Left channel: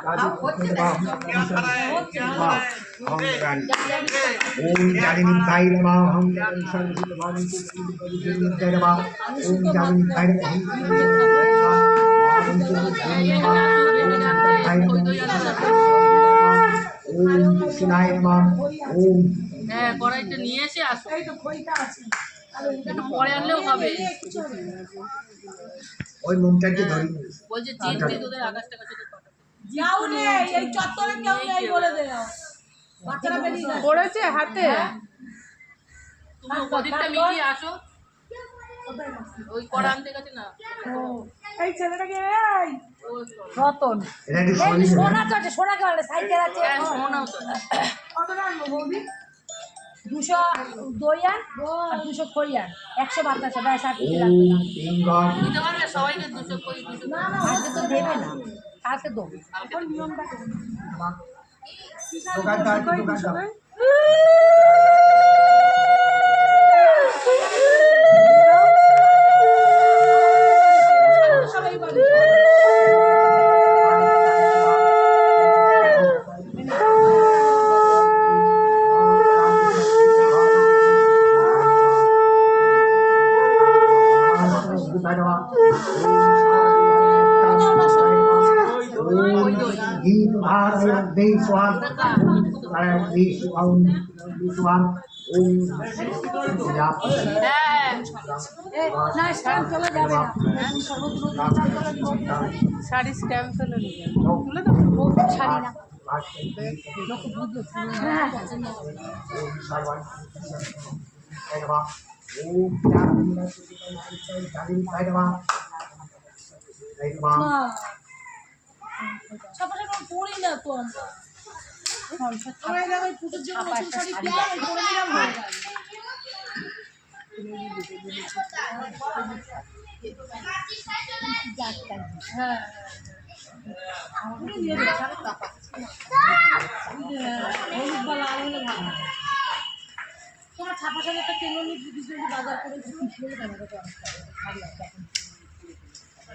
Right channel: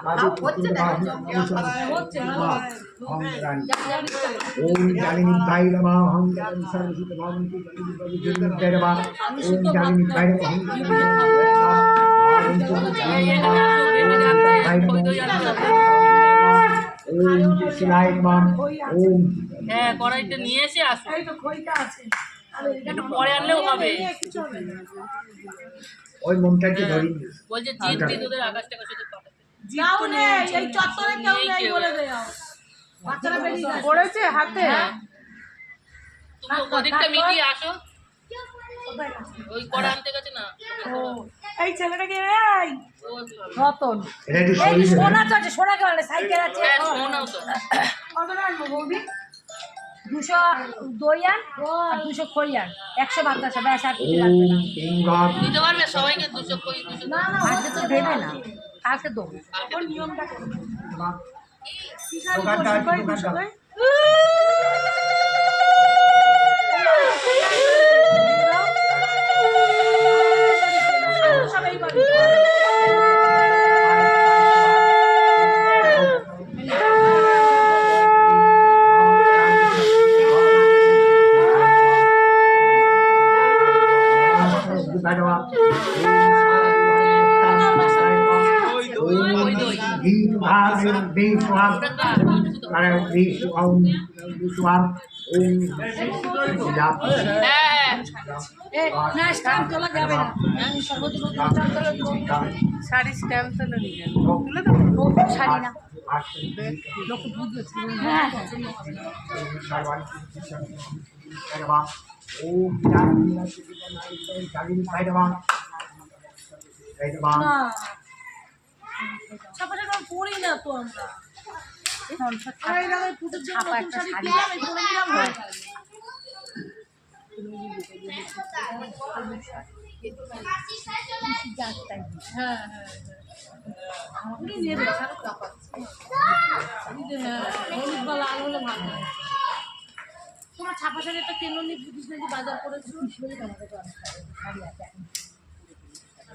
ओम जालिनी पाई नमः हम जगन सर्वसिद्ध भवन्तु जगन्नित्य नमः ओम जालिनी पाई नमः हम ओम शिवाय नमः ओम হ্যাঁ কড়াইটা নিয়ে এসে আসো এই তো খইটা আছে একটু পরে আনলেও হবে ওই মমতাকে ধরি বলছে জিততে তোদের আকাশ টাকা শুধু পাঠাতে যাও রে এই চত্বরে কেউ নেই বলে দাও বাচ্চারা বেরিয়ে গেছে পড়েছে হাতে তুমি ওদিকটা মিটিয়ে আসো ওই কড়া আনতে গেছে না এই ছেলেটাকে এই রতন এটা কি এই সোনা তো আছে সোনা কেন সাইকেল আছে হ্যাঁ শোনাও তো কত আনবো বৌদি 200 দই আন আর 200 খই আন 100 বাতাসা ব্যাস আর কিছু লাগবে না কিংগড দিতে পারবে সবাইকে 200 কই 200 না না আজকে তো দেবে না কালকে দেবো এখন নিয়মটা করো দোকানদার সবাই পাবে না স্ট্যাম্প তোলা যাবে না শাড়ি স্ট্যাম্প তোলা নিয়ে তুলে ও শাড়ি না লোক বুঝবে হ্যাঁ না ছাপা ছাপা পড়ি না তো আমরা পুজোর জন্য নতুন শাড়ি কিনে আমি পরে নিলাম হয়ে গেল হ্যাঁ হলুদ বা লাল হলে ভালো কোনো ছাপা শাড়ি একটা কেন বাজার করেছিল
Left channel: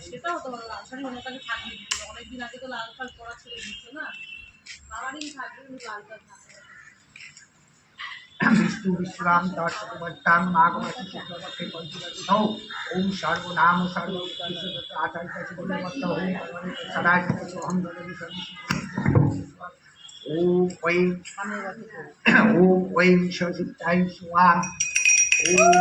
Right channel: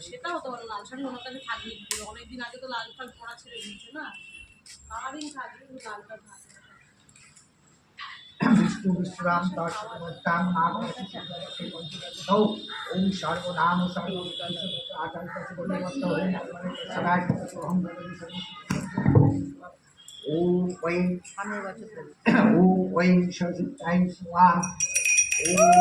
সেটা হতে পারে লাল শাড়ি ওনার কাছে থাকলে অনেকদিন আগে তো লাল শাল পরা ছেড়ে দিচ্ছে না সারাদিন থাকবে লালটা থাকবে विष्णु विश्राम दर्शकवर्तां माघमासी शुक्लपक्षे पंचदशौ ओम सर्वनाम सर्वोत्तम आचार्य ओम सदा हम ओम ओम शिवसिद्धाय स्वाम ओम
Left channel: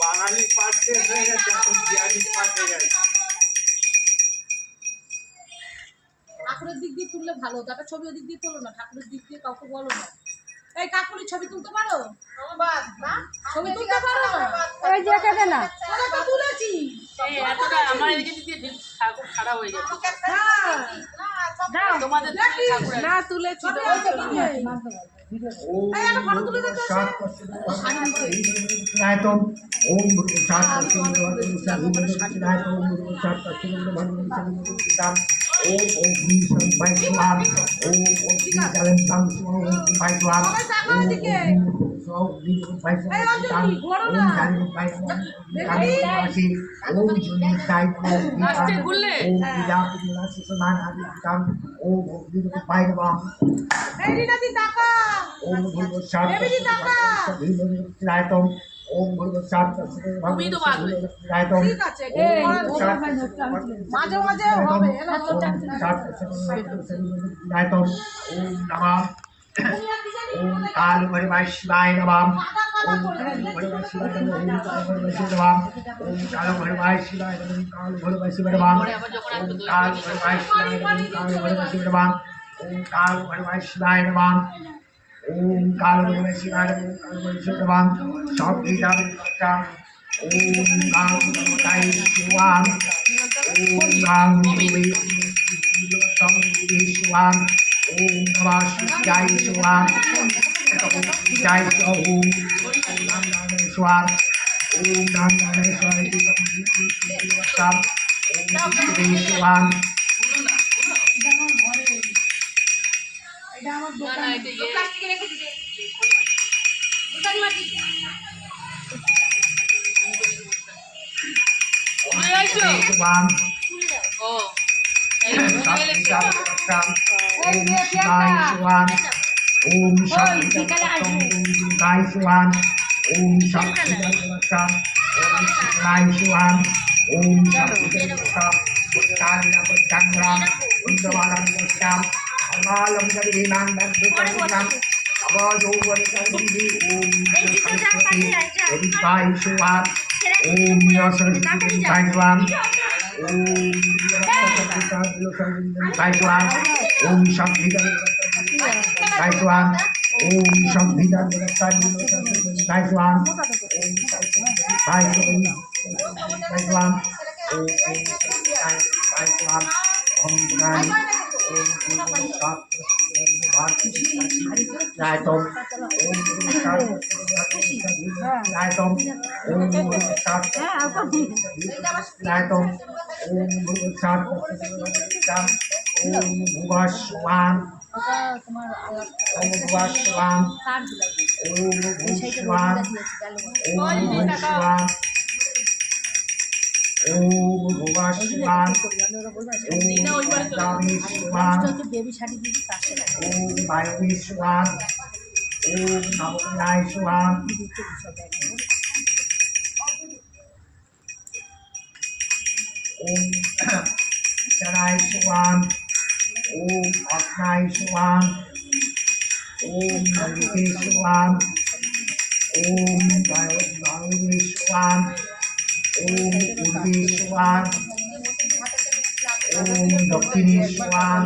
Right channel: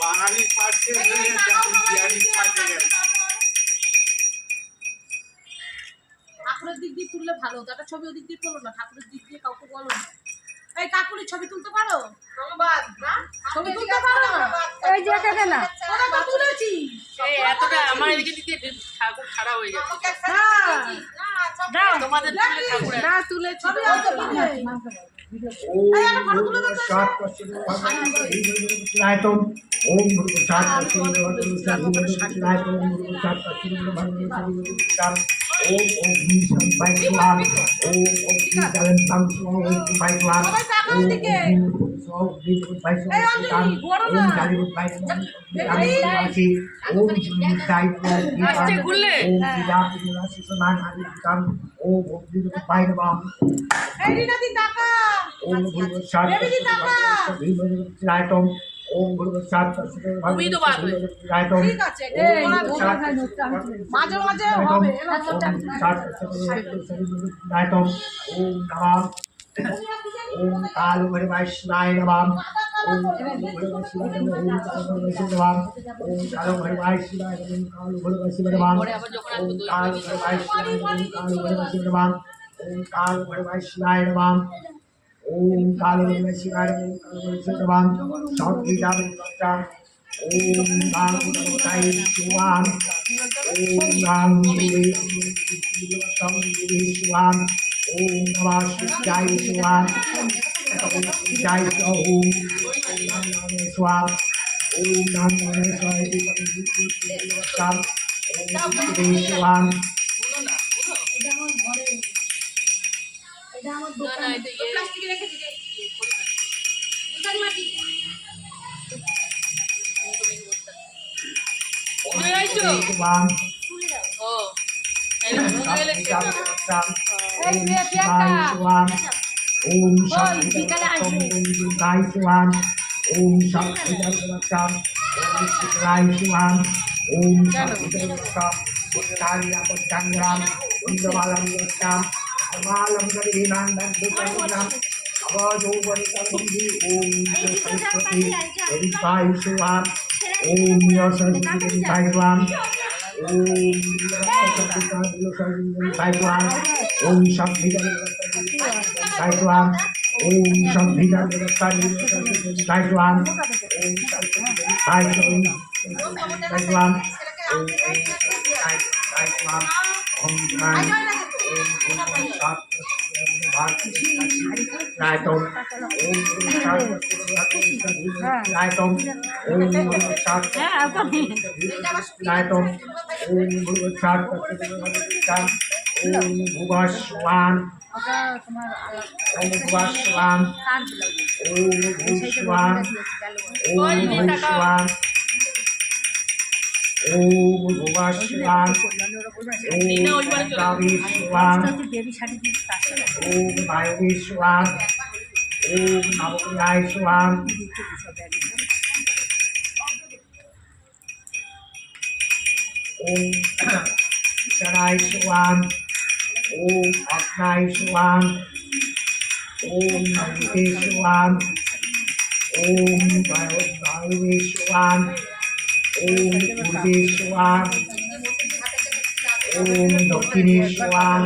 বাঙালি পাঠে বিহারি পাঠে ঠাকুরের দিক দিয়ে তুললে ভালো হতো একটা ছবি ওদিক দিয়ে তোলো না ঠাকুরের দিক দিয়ে কাউকে বলো না এই কাকুরি ছবি তুলতে পারো ছবি তুলতে পারো না ওই যে কেটে না ওরা তো তুলেছি এই এতটা আমার এদিকে দিকে ঠাকুর খাড়া হয়ে যাবে হ্যাঁ তোমাদের ঠাকুর না তুলেছি ছবি আছে তুলবে ओम ओम ओम भीषण भाईवान ओम ओम चरण तम स्वामी भाईवान ओम स्वामी भाईवान ओम जानी भाईवान जानी वासी ओम जुनी साइको दीपान ओम विदात निवासी समान आदि काम ओम ओम भाईवान এই রিনাদি টাকা ओम गुरु सात सभी लाइटों ओम गुरु सात তুমি তো পারবে लाइटों ঠিক আছে এই মাঝে মাঝে হবে এলা लाइटों ओम नमः ओम काल भैरवाय शिवाय नमः ओम भैरवाय शिवाय नमः ओम काल भैरवाय शिवाय नमः ओम काल भैरवाय शिवाय नमः ओम काल भैरवाय शिवाय नमः ओम काल भैरवाय शिवाय नमः ओम काल भैरवाय शिवाय नमः ओम काल भैरवाय शिवाय नमः ओम काल भैरवाय शिवाय नमः ओम काल भैरवाय शिवाय नमः सब लीला बच्चा ওম গাং গণপতায় শিবাম ওম গাং গুরুবে শিবাম ওম নমঃ শিবায় শিবাম ওম জয় ওম নাম নাম শিবাম ওম নাম নাম শিবাম ওম শিবাম এটা আমার ঘরে, এটা আমার দোকানে। প্লাস্টিকে রেখে দিলে দোকান মাটি ভুলে যাইছো? শিবাম ও এই ভুলে ওম গেলে শিবায় শিবাম ওম শিবায় শিবাম ওম শিবায় শিবাম ওম শিবায় Uttariya Pachangram, Undabalam Yasam, Amalam Gadinam, Dukanam, Avajovanikandi, Om Saraswati, Veritai Shivam, Om Yasaraswati Taiswam, Om Yasaraswati Taiswam, Om Shaktidan Taiswam, Om Shaktidan Taiswam, Om Shaktidan Taiswam, Om Taiswam, Om Gnani, Om Raitom, Om Raitom, Om Raitom, Om Om Bhuvashwan, Om Bhuvashwan, Om Bhuvashwan, Om Bhuvashwan, Om Bhuvashwan, Om Bhavishwan, Om Bhavishwan, Om Navayashwan, Om Sharayashwan, Om Agnayashwan, Om Naviteshwan, Om Bhavishwan, Om Purveshwan, Om Dakshineshwan,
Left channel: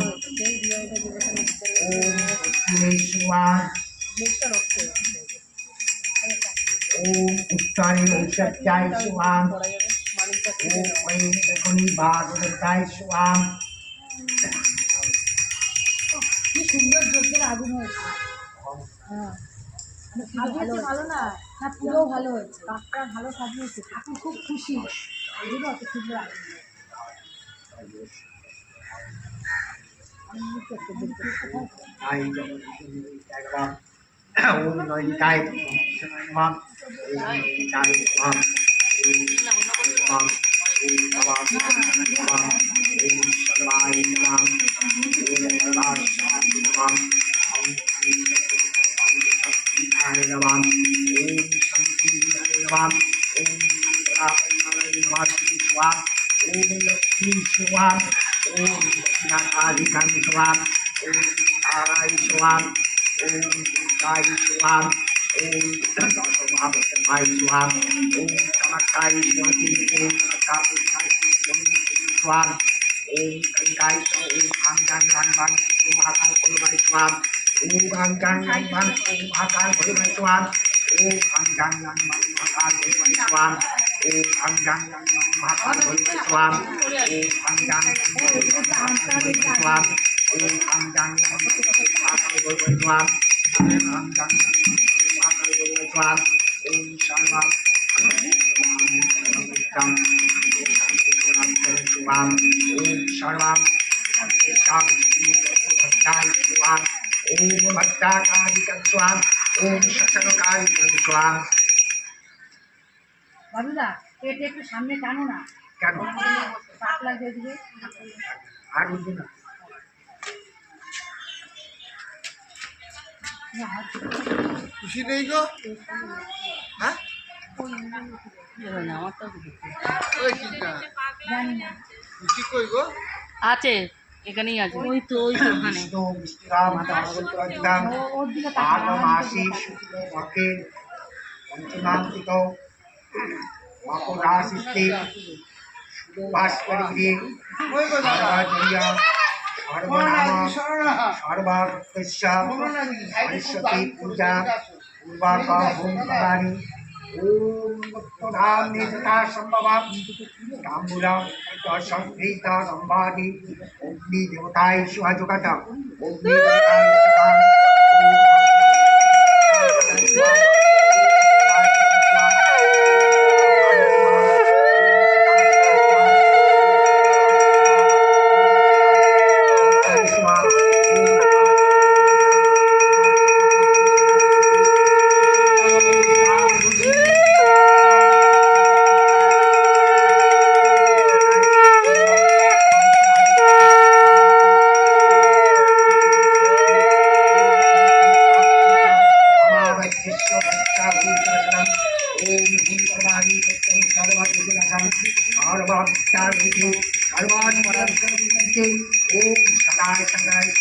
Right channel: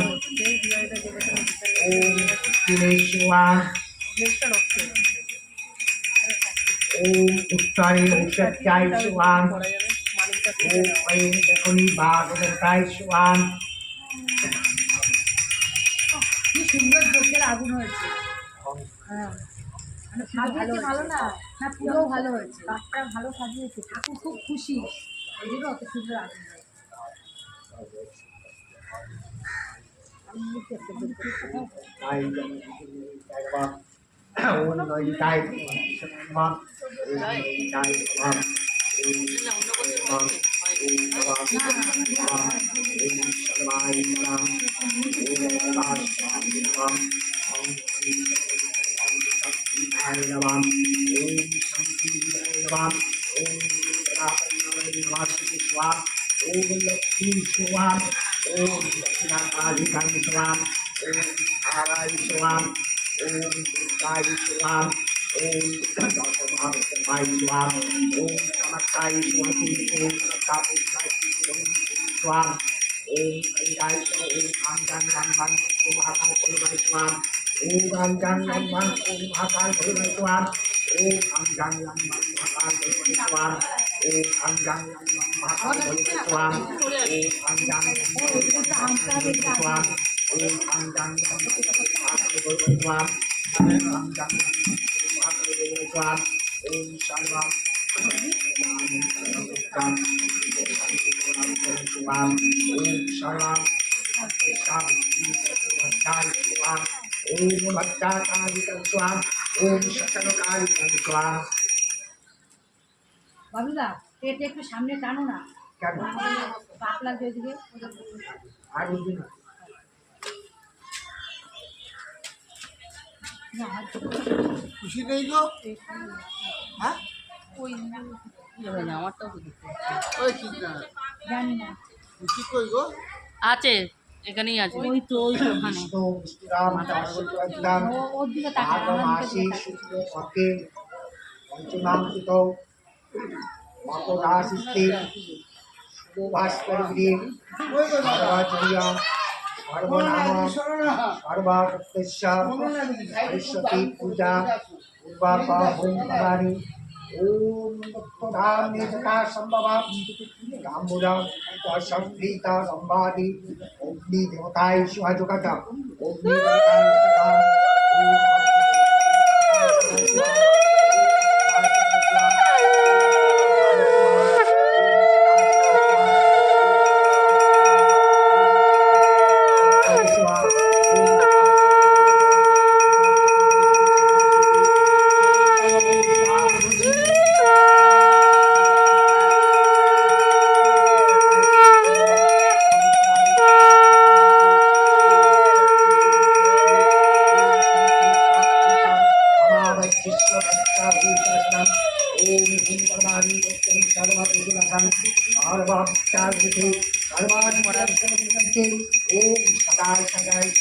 Om Uttareshwan, Om Uttarayaishwan, Om Aim Dakuni Bhagavataishwan, কি সুন্দর যজ্ঞের আগুন হয়েছে। হ্যাঁ সাজিয়েছে ভালো না, না পুরো ভালো হয়েছে, কাঠটা ভালো সাজিয়েছে, ঠাকুর খুব খুশি, এই জন্য অত সুন্দর আগুন হয়েছে। Om Naitai Shanam, Om Naitai Shanam, Om Shanam, Om Navas Shanam, Om Shanamai Shanam, Om Navas Shanam, Om Shakti Namaam, Om Shakti Namaam, Om Rapanay Namaste Swam, Om Lakshmi Swam, Om Lakshminatadikan Swam, Om Arai Swam, Om Dukai Swam, Om Dasamahasamai Swam, Om Kamakai Swati, Om Kamakapai Swam, Om Kankai Swam, Om Anggang Rangban, Om Mahakal Purvai Swam, Om Anggang Rangban, Om Mahakal Purvai Swam, Om Anggang Rangban, Mahakal Purvai Swam, Om Anggang Rangban, Mahakal Purvai Swam, Om Anggang Rangban, Mahakal Purvai Swam, Om Anggang Rangban, Mahakal Purvai Swam, Om Anggang Rangban, Mahakal Purvai Swam, Om Shalvam, Swam, Om Shalvam, Om Bhattakarikan Swam, Om Shakanakarikan Swam. বাবুদা পেট একটু সামনে টানো না, কেন পাক লাগবে ওদিকে। আর বুঝি না খুশি নেই গো হ্যাঁ আমারটাও ওই চিন্তা জানি না, খুশি কই গো? আছে, এখানেই আছে। ওই তো ওই তো ওখানে। বিষ্ণু মিষ্টিরাম দামোদরাম ওর দিকে তাকাও, আমার মাঘমাসে দিকে তাকাও। শুক্লপক্ষে পঞ্চমান্তিক মকরাশিস্তে শুভভাস্করী সর্বাচর্য সর্বনাম সর্বাকস্য সরস্বতী পূজা পূর্বাক হোমকারী ओम तत्वधाम निजता संभवम तांबूलम संप्रीता संवादि अग्नि देवताय शुभजुगतम अग्नि देवताय सर्वान्